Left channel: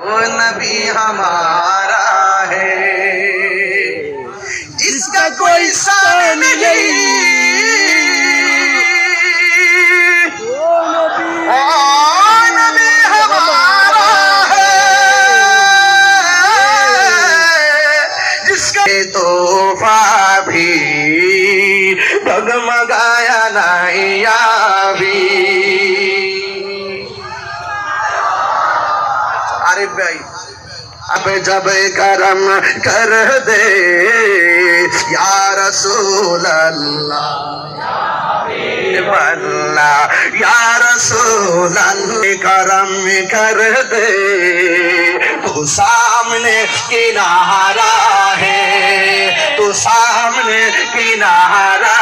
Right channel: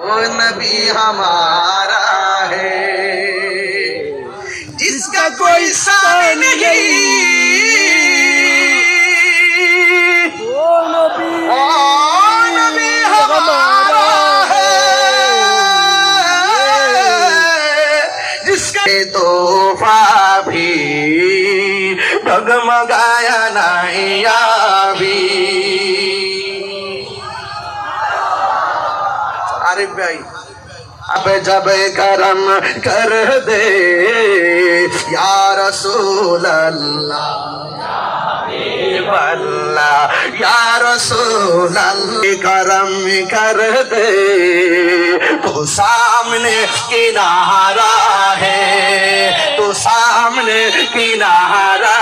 वो नबी हमारा है। जिसका कोई सान नहीं। वो नबी हमारा है। जिसका तोहफा भी भगमगाया नहीं आरिफ भाई, अब जब करम कर दे, या रसूल अल्लाह या रसूल करम कर दे। तू सामने किनारा है, तू सामने किनारा